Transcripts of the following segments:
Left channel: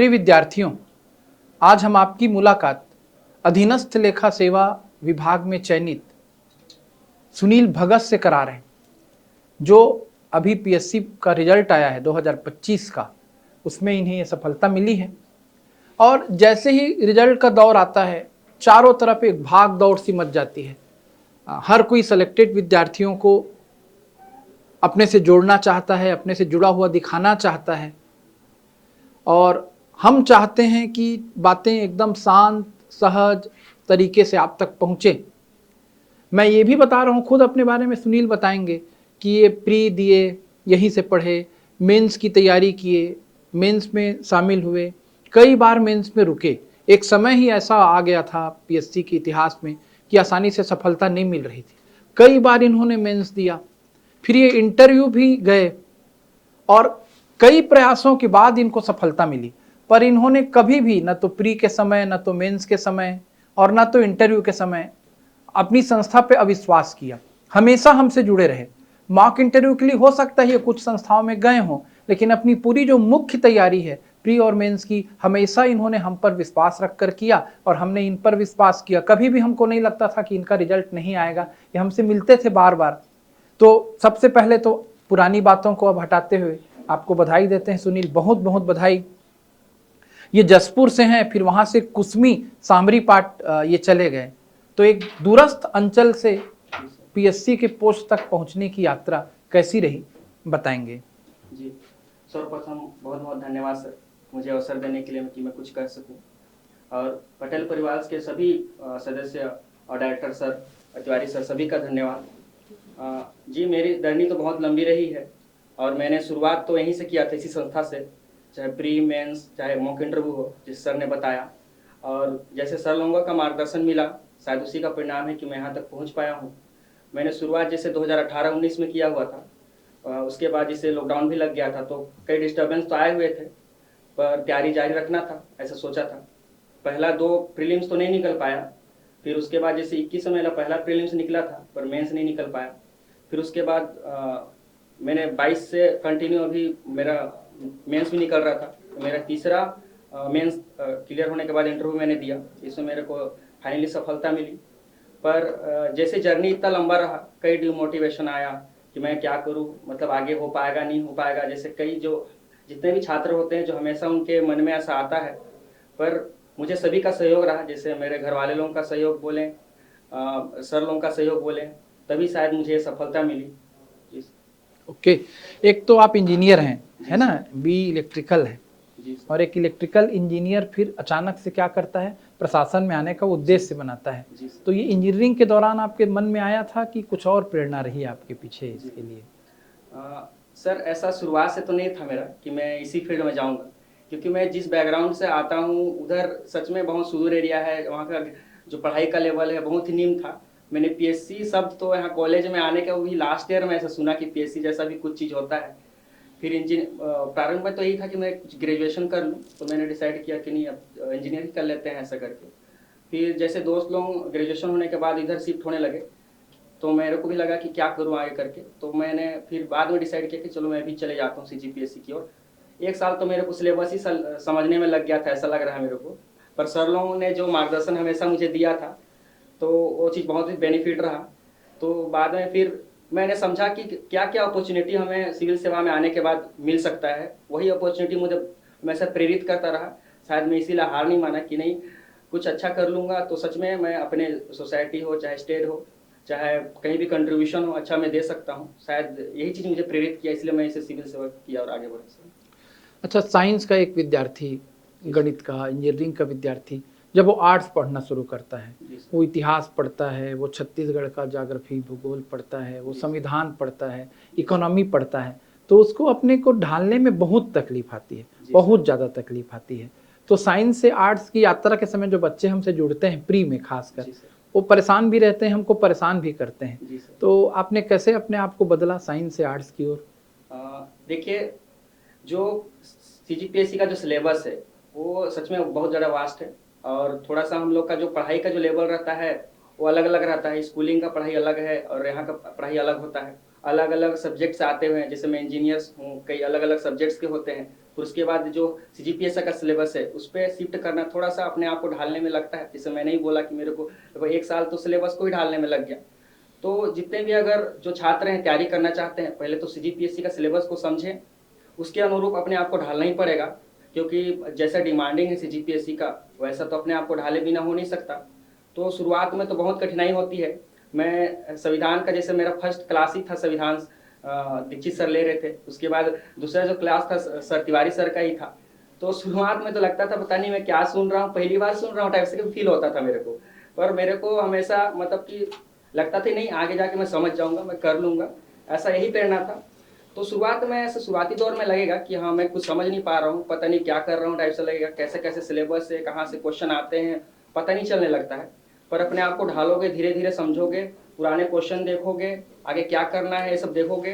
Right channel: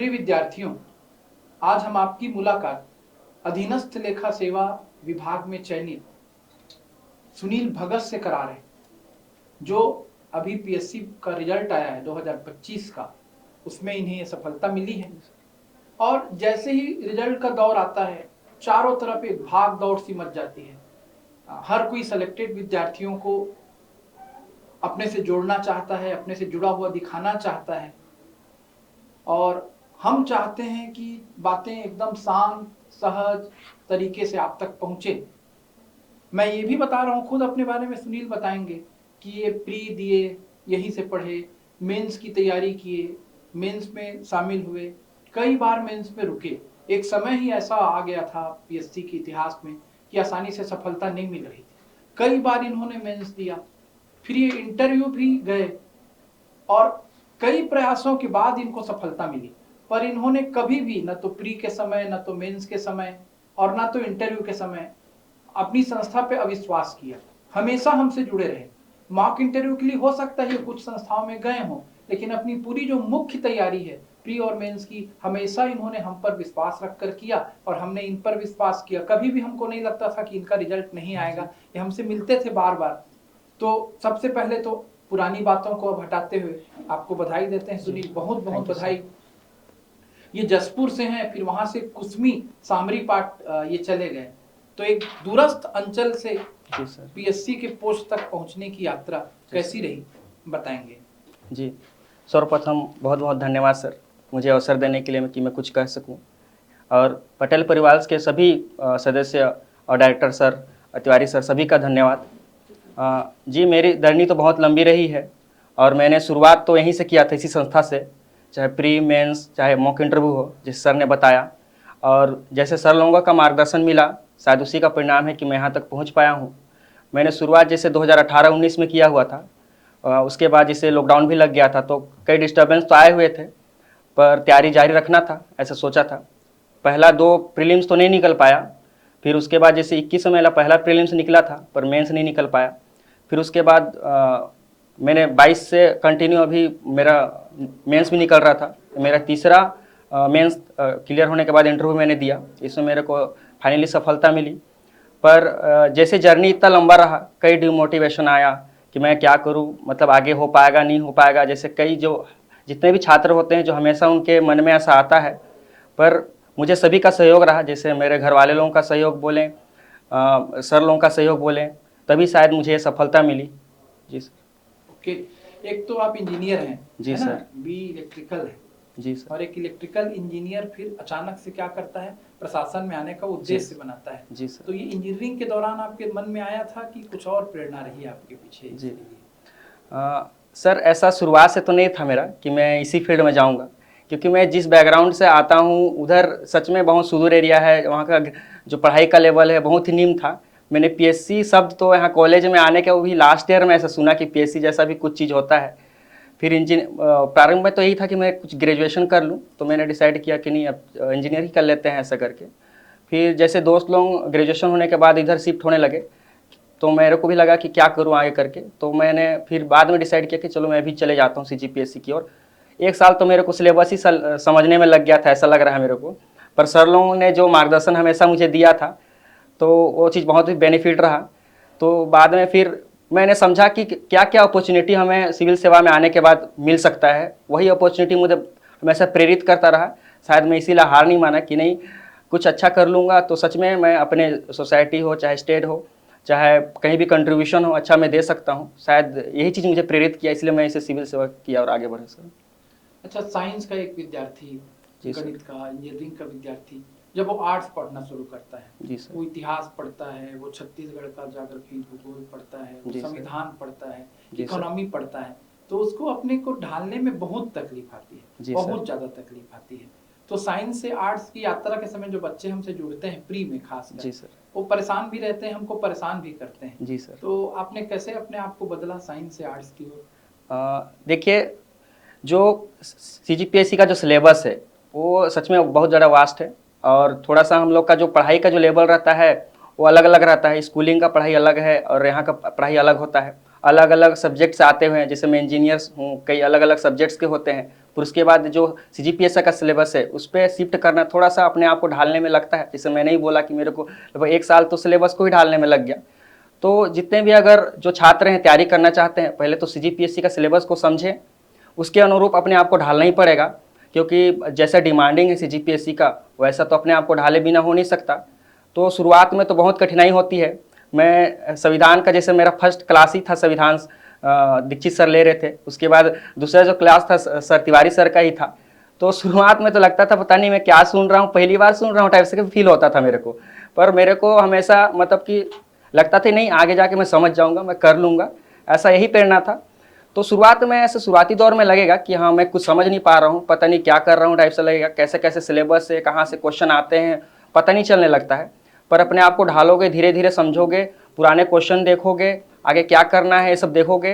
प्रिय विद्यार्थियों, आज हम आपकी मुलाकात अधीनस्थ लेखा सेवा विभाग में चयनित सुनील भगत से करा रहे हैं, जो अभी पीएससी का रिजल्ट आया है 2025 का, उसमें इन्हें ये सफलता मिली है। और जैसे ही रिजल्ट का दौर आता है, चारों तरफ एक भाग दौड़ सी मच जाती है। हर कोई सेलेक्टेड विद्यार्थियों को अपने से जोड़ना चाहता है, अपने से जुड़ा हुआ दिखाना चाहता है, और हम चाहते हैं कि बातें एकदम शांत सहज तरीके से आप तक पहुँचे। मैं ये भी बता रहा हूँ, खुद अपने बारे में सुनील बताएंगे कि ये प्री दिए, यहीं से पढ़े, मेंस की तैयारी किए, मेंस में शामिल हुए, कई बार मेंस में रुके। एक समय ही ऐसा आ गया था पीएससी के इतिहास में कि आसानी से सफलता नहीं मिल रही थी। कई बार इन्होंने मेंस दिया, फिर ये इंटरव्यू भी गए और कई प्रयासों के बाद इनको सफलता मिली। पर इन्होंने कभी भी न तो प्री के समय, न तो मेंस के समय और न तो इंटरव्यू के समय अपनी संस्था पे अविश्वास किया। हमेशा हमसे जुड़े रहे। मॉक इंटरव्यू के लिए हो सकता है कुछ संस्थाओं में गए हों, लेकिन अपनी पूरी जो मुख्य तैयारी है प्री और मेंस की, हमेशा इन्होंने हम पर विश्वास रखकर किया और हमने इन पर विश्वास किया। कभी भी हमको नहीं लगता था कि इनका रिजल्ट नहीं आएगा। ये हमसे मिलते थे बार बार। तो सबसे पहले तो पुरानी बातों को अब हटाते हुए आपको बधाई देते हैं सुनील, बहुत बहुत बधाई। ये जसपुर से हैं, फिर वहां से कुसमी सामरी पाट ये चले गए। तो एक दूरस्थ अंचल से पीएससी के पोस्ट तक पहुंचने की यात्रा कैसी रही, बताएंगे? जी, सर्वप्रथम बहुत बहुत धन्यवाद सर, मुझे अवसर देने के लिए कि मैं कुछ कह सकूं। और पटेल परिवार के सभी सदस्य और डायरेक्टर सर, तिवारी सर, सभी का धन्यवाद। जी, मेरी जर्नी तो बहुत लंबी रही है और मैंने शुरुआत तो यहीं से किया था, इसी संस्था से, चाहे प्री मेंस चाहे मॉक इंटरव्यू हो, जिस सर ने बताया। और जैसे सर लोगों का मार्गदर्शन मिला, शायद उसी का परिणाम है कि मैं यहाँ तक पहुँच पाया हूँ। मैंने शुरुआत जैसे 2018-19 में किया हुआ था। उसके बाद जैसे लॉकडाउन भी लग गया था तो कई डिस्टर्बेंस तो आए हुए थे, पर तैयारी जारी रखना था, ऐसा सोचा था। पहला 2 प्रीलिम्स तो नहीं निकल पाया, फिर उसके बाद जैसे 21 में मेरा पहला प्रीलिम्स निकला था, पर मेंस नहीं निकल पाया। फिर उसके बाद मैंने 22 से कंटिन्यू अभी मेरा मेंस भी निकल रहा था। मेरा तीसरा मेंस क्लियर होने के बाद इंटरव्यू मैंने दिया, इसमें मेरे को फाइनली सफलता मिली। पर जैसे जर्नी इतना लंबा रहा, कई डिमोटिवेशन आया कि मैं क्या करूं, मतलब आगे हो पाएगा नहीं हो पाएगा। जैसे कई जो जितने भी छात्र होते हैं, जो हमेशा उनके मन में ऐसा आता है, पर मुझे सभी का सहयोग रहा। जैसे मेरे घर वाले लोगों का सहयोग बोलें, सर लोगों का सहयोग बोलें, तभी शायद मुझे सफलता मिली। जी सर। ओके, एक तो आप इंजीनियर हैं, जी है ना, सर। बी इलेक्ट्रिकल है। जी सर। और एक इलेक्ट्रिकल इंजीनियर फिर अचानक से क्या करता है, प्रशासन में आने का उद्देश्य बनाता है। जी सर। तो ये इंजीनियरिंग के दौरान आपके मन में आया था कि कुछ और प्रेरणा रही आपके पीछे इसके लिए? सर, ऐसा शुरुआत से तो नहीं था मेरा कि मैं इसी फील्ड में जाऊंगा, क्योंकि मैं जिस बैकग्राउंड से आता हूं उधर सच में बहुत सुदूर एरिया है। वहाँ का जो पढ़ाई का लेवल है बहुत ही निम्न था। मैंने पीएससी शब्द तो यहाँ कॉलेज में आने के वो भी लास्ट ईयर में ऐसा सुना कि पीएससी जैसा भी कुछ चीज़ होता है। फिर प्रारंभ में तो यही था कि मैं कुछ ग्रेजुएशन कर लूँ, तो मैंने डिसाइड किया कि नहीं, अब इंजीनियरिंग कर लेते हैं ऐसा करके। फिर जैसे दोस्त लोग ग्रेजुएशन होने के बाद इधर शिफ्ट होने लगे, तो मेरे को भी लगा कि क्या करूँ आगे करके। तो मैंने फिर बाद में डिसाइड किया कि चलो मैं भी चले जाता हूँ सीजीपीएससी की ओर। 1 साल तो मेरे को सिलेबस ही समझने में लग गया था, ऐसा लग रहा है मेरे को। पर सर लोगों ने जो मार्गदर्शन हमेशा मुझे दिया था, तो वो चीज़ बहुत ही बेनिफिट रहा। तो बाद में फिर मैंने समझा कि क्या क्या अपॉर्चुनिटी हमें सिविल सेवा में आने के बाद मिल सकता है। वही अपॉर्चुनिटी मुझे हमेशा प्रेरित करता रहा। शायद मैं इसीलिए हार नहीं माना कि नहीं, कुछ अच्छा कर लूँगा तो सच में मैं अपने सोसाइटी हो, चाहे स्टेट हो, चाहे कहीं भी कंट्रीब्यूशन हो, अच्छा मैं दे सकता हूँ। शायद यही चीज़ मुझे प्रेरित किया, इसलिए मैं इसे सिविल सेवा किया और आगे बढ़ा सर। अच्छा, साइंस का एक विद्यार्थी, गणित का, इंजीनियरिंग का विद्यार्थी, जब वो आर्ट्स पढ़ना शुरू करता है, वो इतिहास पढ़ता है, वो छत्तीसगढ़ का ज्योग्राफी भूगोल पढ़ता है, वो संविधान पढ़ता है, इकोनॉमी पढ़ता है, तो उसको अपने को ढालने में बहुत तकलीफ आती है, बहुत ज़्यादा तकलीफ आती है। तो साइंस से आर्ट्स की यात्रा के समय जो बच्चे हमसे जुड़ते हैं प्री में खासकर, वो परेशान भी रहते हैं, हमको परेशान भी करते हैं। जी सर। तो आपने कैसे अपने आप को बदला साइंस से आर्ट्स की ओर? देखिए, जो सीजीपीएससी का जो सिलेबस है वो सच में बहुत ज़्यादा वास्ट है, और थोड़ा सा हम लोग का जो पढ़ाई का जो लेवल रहता है वो अलग अलग रहता है। स्कूलिंग का पढ़ाई अलग है और यहाँ का पढ़ाई अलग होता है। अलग अलग सब्जेक्ट्स आते हुए हैं, जैसे मैं इंजीनियर्स हूँ, कई अलग अलग सब्जेक्ट्स के होते हैं। फिर उसके बाद जो CGPSC का सिलेबस है उस पर शिफ्ट करना थोड़ा सा अपने आप को ढालने में लगता है। जैसे मैंने ही बोला कि मेरे को लगभग 1 साल तो सिलेबस को ही ढालने में लग गया। तो जितने भी अगर जो छात्र हैं तैयारी करना चाहते हैं, पहले तो CGPSC का सिलेबस को समझें, उसके अनुरूप अपने आप को ढालना ही पड़ेगा, क्योंकि जैसा डिमांडिंग है CGPSC का वैसा तो अपने आप को ढाले बिना हो नहीं सकता। तो शुरुआत में तो बहुत कठिनाई होती है। मैं संविधान का, जैसे मेरा फर्स्ट क्लास ही था संविधान, दीक्षित सर ले रहे थे, उसके बाद दूसरा जो क्लास था सर तिवारी सर का ही था। तो शुरुआत में तो लगता था पता नहीं मैं क्या सुन रहा हूँ, पहली बार सुन रहा हूँ टाइप से फील होता था मेरे को। पर मेरे को हमेशा मतलब कि लगता था नहीं, आगे जाके मैं समझ जाऊँगा, मैं कर लूँगा, ऐसा यही प्रेरणा था। तो शुरुआत में ऐसे शुरुआती दौर में लगेगा कि हाँ मैं कुछ समझ नहीं पा रहा हूँ, पता नहीं क्या कर रहा हूँ टाइप से लगेगा, कैसे कैसे सिलेबस है, कहाँ से क्वेश्चन आते हैं पता नहीं चलने लगता है। पर अपने आप को ढालोगे, धीरे धीरे समझोगे, पुराने क्वेश्चन देखोगे, आगे क्या करना है ये सब देखोगे,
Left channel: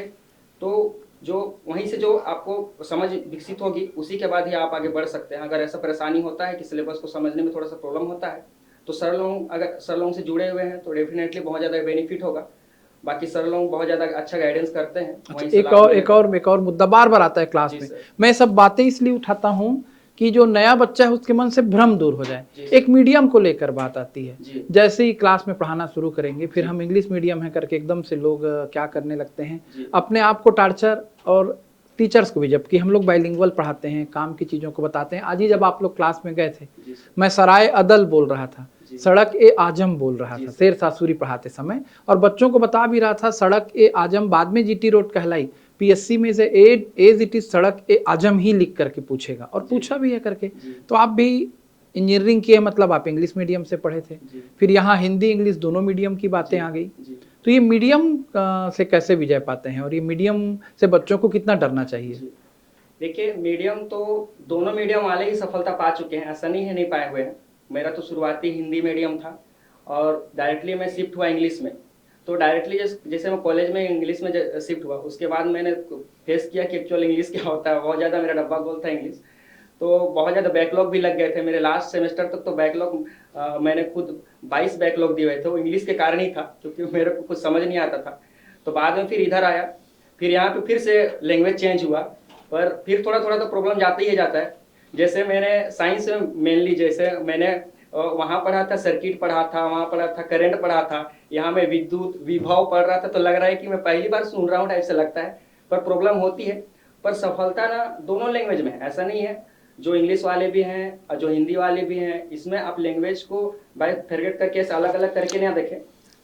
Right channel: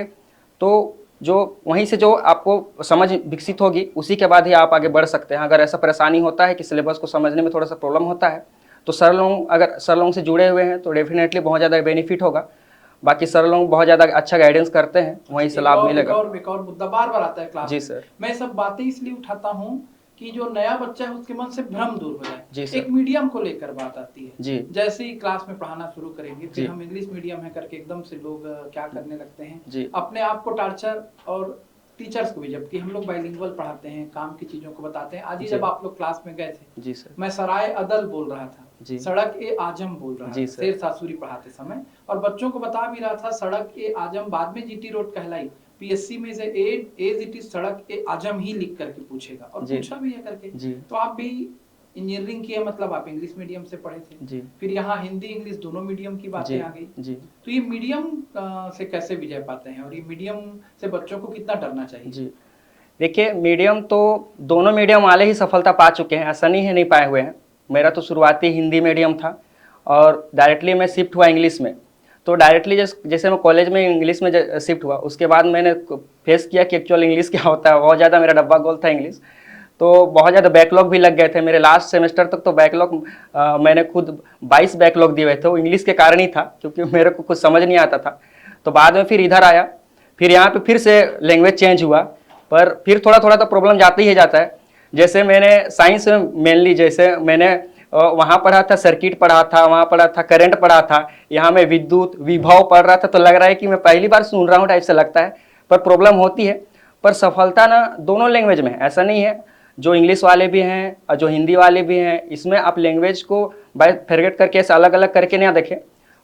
तो जो वहीं से जो आपको समझ विकसित होगी उसी के बाद ही आप आगे बढ़ सकते हैं। अगर ऐसा परेशानी होता है कि सिलेबस को समझने में थोड़ा सा प्रॉब्लम होता है, तो सर लोग अगर सर लोगों से जुड़े हुए हैं तो डेफिनेटली बहुत ज़्यादा बेनिफिट होगा। बाकी सर लोग बहुत ज़्यादा अच्छा गाइडेंस करते हैं, वहीं से लाभ मिलेगा। एक और मुद्दा बार बार आता है क्लास जी में। सर। मैं सब बातें इसलिए उठाता हूँ कि जो नया बच्चा है उसके मन से भ्रम दूर हो जाए। जी सर। एक मीडियम को लेकर बात आती है। जी। जैसे ही क्लास में पढ़ाना शुरू करेंगे फिर जी। हम इंग्लिश मीडियम है करके एकदम से लोग क्या करने लगते हैं, जी। अपने आप को टार्चर, और टीचर्स को भी, जबकि हम लोग बाइलिंगुअल पढ़ाते हैं, काम की चीजों को बताते हैं। आज ही जब आप लोग क्लास में गए थे, जी सर। मैं सराय अदल बोल रहा था, जी। सड़क ए आजम बोल रहा जी था सर। शेर सासुरी पढ़ाते समय, और बच्चों को बता भी रहा था सड़क ए आजम बाद में GT रोड कहलाई, PSC में से एज इट इज सड़क ए आजम ही लिख करके पूछेगा, और जी। पूछा भी है करके। जी। तो आप भी इंजीनियरिंग किए, मतलब आप इंग्लिश मीडियम से पढ़े थे, जी। फिर यहाँ हिंदी इंग्लिश दोनों मीडियम की बातें जी। आ गई। जी। तो ये मीडियम से कैसे विजय पाते हैं, और ये मीडियम से बच्चों को कितना डरना चाहिए? जी, देखिए मीडियम तो दोनों मीडियम वाले ही सफलता पा चुके हैं, ऐसा नहीं है नहीं पाए हुए हैं। मेरा तो शुरुआती हिंदी मीडियम था और डायरेक्टली मैं शिफ्ट हुआ इंग्लिश में। तो डायरेक्टली जैसे मैं कॉलेज में इंग्लिश में शिफ्ट हुआ, उसके बाद मैंने फेस किया कि एक्चुअल इंग्लिश क्या होता है। बहुत ज़्यादा मेरा डब्बा गोल था इंग्लिश, तो बहुत ज़्यादा बैकलॉग भी लग गए थे मेरे। लास्ट सेमेस्टर तक तो बैकलॉग मैंने खुद 22 बैकलॉग दिए हुए थे। वो इंग्लिश के कारण ही था, क्योंकि मेरे को कुछ समझ नहीं आता था। तो बाद में फिर इधर आया, फिर यहाँ पे फिर से लैंग्वेज चेंज हुआ, पर फिर थोड़ा थोड़ा तो प्रॉब्लम जाता ही जाता है। जैसे मैंने साइंस में मेनली, जैसे मैंने वहाँ पढ़ा था, सर्किट पढ़ा था, वहाँ पढ़ा था करंट पढ़ा था, यहाँ मैं विद्युत विभव पढ़ रहा था, तो लग रहा है कि मैं पहली बार सुन रहा हूँ टाइप से लगता है। पर प्रॉब्लम होती है, पर सफलता ना दोनों लैंग्वेज में है, ऐसा नहीं है। जो इंग्लिश वाले भी हैं और जो हिंदी वाले भी हैं, इसमें आप लैंग्वेज को बाय फेरगेट करके ऐसे अलग अलग करके ना देखें,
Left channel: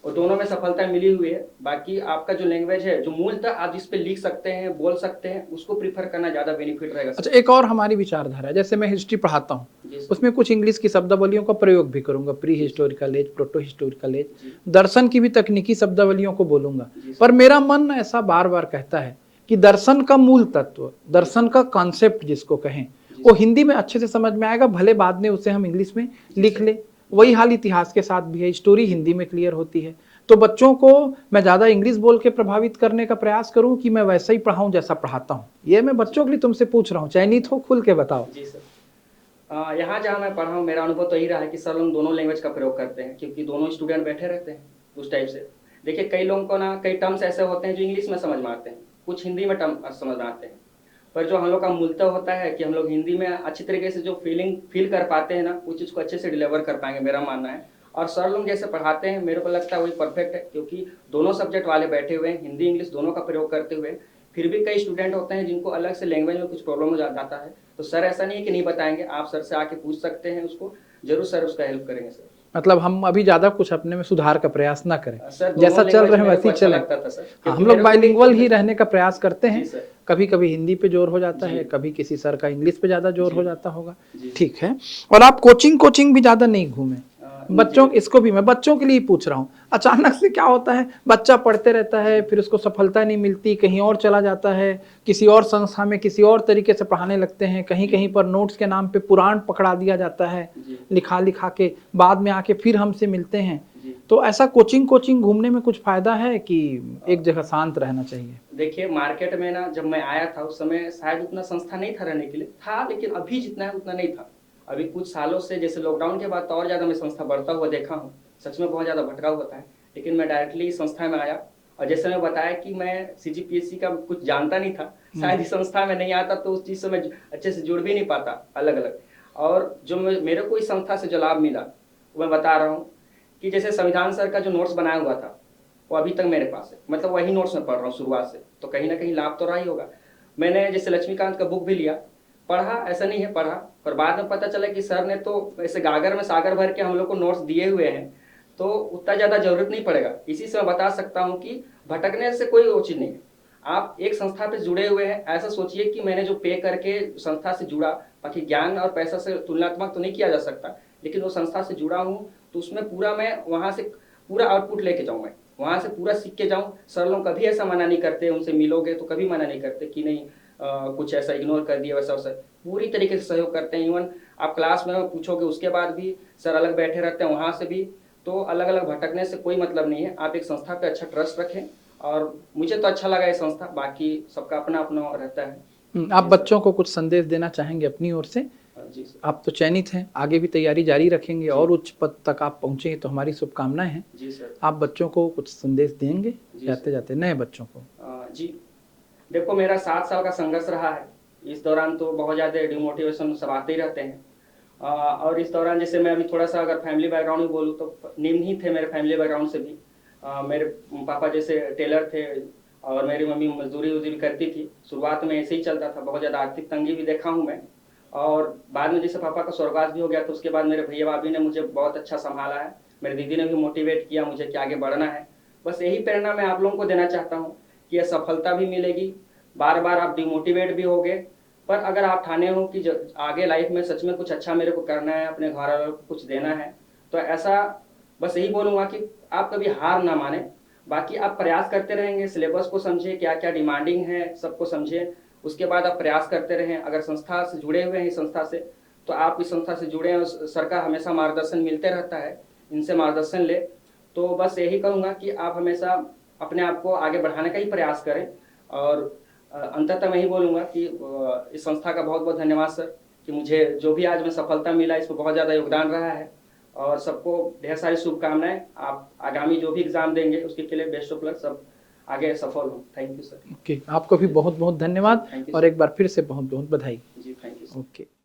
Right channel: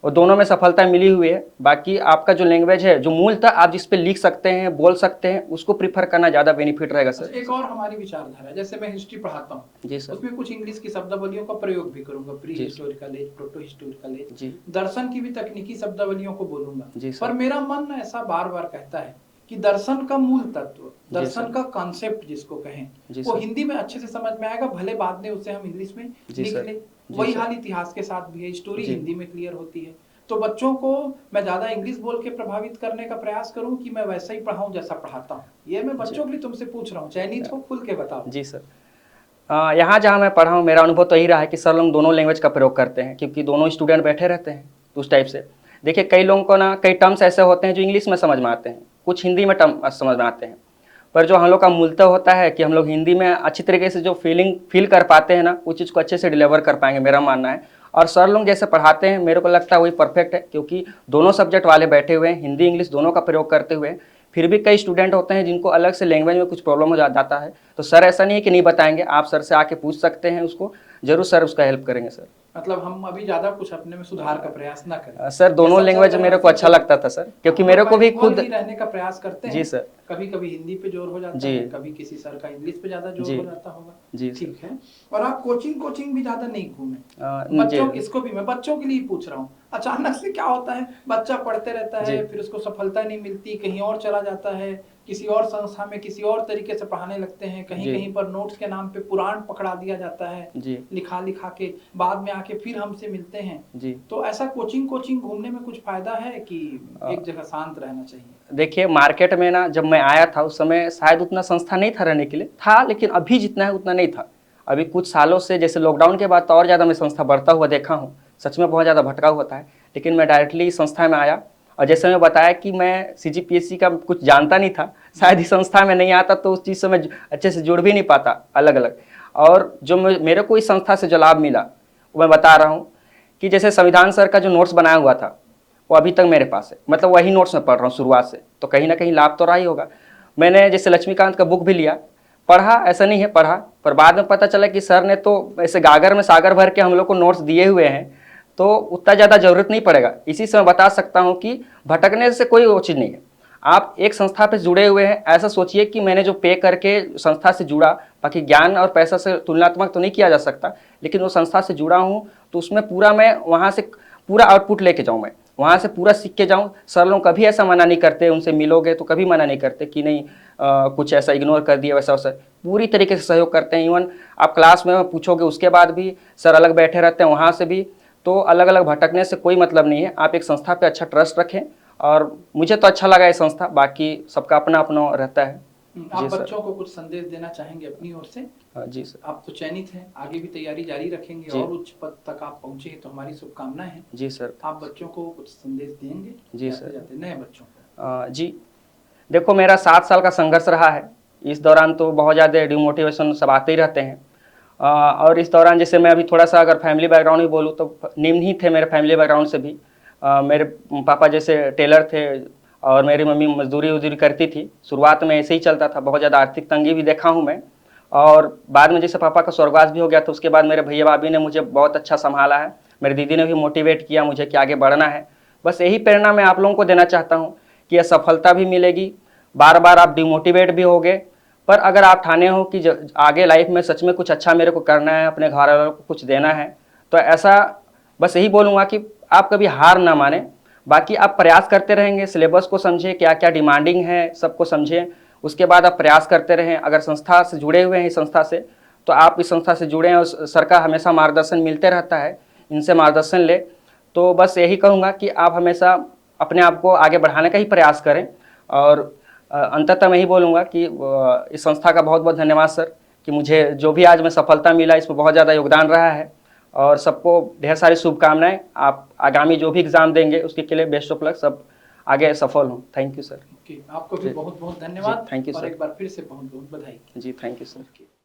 और दोनों में सफलता मिली हुई है। बाकी आपका जो लैंग्वेज है, जो मूल था, आप जिस पे लिख सकते हैं, बोल सकते हैं, उसको प्रीफर करना ज़्यादा बेनिफिट रहेगा सर। अच्छा, एक और हमारी विचारधारा है, जैसे मैं हिस्ट्री पढ़ाता हूँ, जी सर। उसमें कुछ इंग्लिश की शब्दावलियों का प्रयोग भी करूंगा, pre historical age, proto historical age, जी। दर्शन की भी तकनीकी शब्दावलियों को बोलूंगा। जी सर। पर मेरा मन ऐसा बार बार कहता है कि दर्शन का मूल तत्व, दर्शन का कॉन्सेप्ट जिसको कहें, वो हिंदी में अच्छे से समझ में आएगा, भले बाद में उसे हम इंग्लिश में लिख ले। वही हाल इतिहास के साथ भी है, स्टोरी हिंदी में क्लियर होती है। तो बच्चों को मैं ज्यादा इंग्लिश बोल के प्रभावित करने का प्रयास करूं कि मैं वैसा ही पढ़ाऊं जैसा पढ़ाता हूं? ये मैं बच्चों के लिए तुमसे पूछ रहा हूं, चयनित हो, खुल के बताओ। जी सर। यहाँ जहाँ मैं पढ़ा हूँ, मेरा अनुभव तो यही रहा है कि सर लोग दोनों लैंग्वेज का प्रयोग करते हैं, क्योंकि दोनों स्टूडेंट बैठे रहते हैं उस टाइप से। देखिए कई लोगों को ना कई टर्म्स ऐसे होते हैं जो इंग्लिश में समझ में आते हैं, कुछ हिंदी में टर्म समझ में आते हैं, पर जो हम लोग का मूलतः होता है कि हम लोग हिंदी में अच्छी तरीके से जो फील कर पाते हैं ना, उस चीज़ को अच्छे से डिलीवर कर पाएंगे, मेरा मानना है। और सर लोग जैसे पढ़ाते हैं, मेरे को लगता है वही परफेक्ट है, क्योंकि दोनों सब्जेक्ट वाले बैठे हुए हैं, हिंदी इंग्लिश दोनों का प्रयोग करते हुए। फिर भी कई स्टूडेंट होते हैं जिनको अलग से लैंग्वेज में कुछ प्रॉब्लम हो जाता है, तो सर ऐसा नहीं है कि नहीं बताएंगे, आप सर से आके पूछ सकते हैं उसको, जरूर सर उसका हेल्प करेंगे सर। मतलब हम अभी ज्यादा कुछ अपने में सुधार का प्रयास ना करें सर। दोनों लैंग्वेज मेरे को अच्छा लगता था सर, क्योंकि मेरे को भी खुद ही रहने का प्रयास करते हैं। जी सर। कभी कभी हिंदी पे जोर हो जाता जी। है, कभी किसी सर का इंग्लिश पे ज्यादा जोर हो जाता होगा। जी। ठीक है। और आप कोचिंग भी ज्यादा नहीं घूमे बच्चों, इसको भी मैं बच्चों के लिए पूछ रहा हूँ। अचानक से क्या होता है, बच्चा पढ़ते रहता है, फिर उसको सफलता नहीं मिलती, कहीं और चला जाता है, किसी और संस्था में किसी और तरीके से पढ़ाने लगते हैं, कहीं कहीं पर नोट्स के नाम पे पुराण पकड़ा दिया जाता है, लिखा लिखा के, बाद में आके फिर हमसे मिलते हैं। तो ऐसा कोचिंग घूमने में कुछ फायदा है कि एक जगह शांत रहना चाहिए? देखिए मार्केट में ना, जब मैं आया था उस समय शायद उतना संस्था नहीं था रहने के लिए, था, लेकिन अभी जितना है उतना नहीं था। अभी कुछ सालों से, जैसे लॉकडाउन के बाद, तो और ज़्यादा मैं संस्था बढ़ता हुआ देखा हूँ। सच में बहुत ज़्यादा भटका हुआ था, लेकिन मैं डायरेक्टली संस्था में आया और जैसे मैं बताया कि मैं सीजीपीएससी का कुछ जानता नहीं था, शायद इस संस्था में नहीं आता तो उस चीज़ से मैं अच्छे से जुड़ भी नहीं पाता अलग अलग। और जो मेरे को इस संस्था से जो लाभ मिला वो मैं बता रहा हूँ कि जैसे संविधान सर का जो नोट्स बनाया हुआ था वो अभी तक मेरे पास है, मतलब वही नोट्स मैं पढ़ रहा हूँ शुरुआत से, तो कहीं ना कहीं लाभ तो रहा ही होगा। मैंने जैसे लक्ष्मीकांत का बुक भी लिया, पढ़ा, ऐसा नहीं है पढ़ा, पर बाद में पता चला कि सर ने तो ऐसे गागर में सागर भर के हम लोग को नोट्स दिए हुए हैं, तो उतना ज़्यादा जरूरत नहीं पड़ेगा। इसी से मैं बता सकता हूँ कि भटकने से कोई वो चीज़ नहीं है। आप एक संस्था पे जुड़े हुए हैं, ऐसा सोचिए कि मैंने जो पे करके संस्था से जुड़ा, बाकी ज्ञान और पैसा से तुलनात्मक तो नहीं किया जा सकता, लेकिन वो संस्था से जुड़ा हूँ तो उसमें पूरा मैं वहाँ से पूरा आउटपुट लेके जाऊँ, मैं वहाँ से पूरा सीख के जाऊँ। सर लोग कभी ऐसा मना नहीं करते, उनसे मिलोगे तो कभी मना नहीं करते कि नहीं कुछ ऐसा इग्नोर कर दिया वैसा वैसा, पूरी तरीके से सहयोग करते हैं। इवन आप क्लास में पूछोगे उसके बाद भी सर अलग बैठे रहते हैं, वहाँ से भी। तो अलग अलग भटकने से कोई मतलब नहीं है, आप एक संस्था पे अच्छा ट्रस्ट रखें। और मुझे तो अच्छा लगा ये संस्था, बाकी सबका अपना अपना रहता है। आप जी सर। बच्चों को कुछ संदेश देना चाहेंगे अपनी ओर से? जी सर। आप तो चयनित हैं, आगे भी तैयारी जारी रखेंगे और उच्च पद तक आप पहुंचे तो हमारी शुभकामनाएं हैं। जी सर। आप बच्चों को कुछ संदेश देंगे जी जाते सर। जाते नए बच्चों को? जी देखो, मेरा 7 साल का संघर्ष रहा है। इस दौरान तो बहुत ज़्यादा डिमोटिवेशन सब आते ही रहते हैं। और इस दौरान जैसे मैं अभी थोड़ा सा अगर फैमिली बैकग्राउंड ही बोलूँ तो निम्न ही थे मेरे फैमिली बैकग्राउंड से भी। मेरे पापा जैसे टेलर थे और मेरी मम्मी मजदूरी उजदूरी करती थी। शुरुआत में ऐसे ही चलता था, बहुत ज़्यादा आर्थिक तंगी भी देखा हूँ मैं। और बाद में जैसे पापा का स्वर्गवास भी हो गया तो उसके बाद मेरे भैया भाभी ने मुझे बहुत अच्छा संभाला है। मेरी दीदी ने भी मोटिवेट किया मुझे कि आगे बढ़ना है। बस यही प्रेरणा मैं आप लोगों को देना चाहता हूँ कि यह सफलता भी मिलेगी, बार बार आप डिमोटिवेट भी होगे, पर अगर आप ठाने हो कि आगे लाइफ में सच में कुछ अच्छा मेरे को करना है, अपने घर वालों को कुछ देना है, तो ऐसा बस यही बोलूँगा कि आप कभी हार ना माने। बाकी आप प्रयास करते रहेंगे, सिलेबस को समझे, क्या क्या डिमांडिंग है सबको समझें, उसके बाद आप प्रयास करते रहें। अगर संस्था से जुड़े हुए हैं इस संस्था से, तो आप इस संस्था से जुड़े हैं और सर का हमेशा मार्गदर्शन मिलते रहता है, इनसे मार्गदर्शन ले। तो बस यही कहूँगा कि आप हमेशा अपने आप को आगे बढ़ाने का ही प्रयास करें। और अंततः मैं ही बोलूँगा कि इस संस्था का बहुत बहुत धन्यवाद सर, कि मुझे जो भी आज में सफलता मिला इसमें बहुत ज़्यादा योगदान रहा है। और सबको ढेर सारी शुभकामनाएं। आप आगामी जो भी एग्ज़ाम देंगे उसके लिए बेस्ट ऑफ लक, सब आगे सफल हों। Thank you sir. ओके, आपको भी बहुत बहुत धन्यवाद। थैंक यू और सर। एक बार फिर से बहुत बहुत बधाई। जी थैंक यू सर। ओके।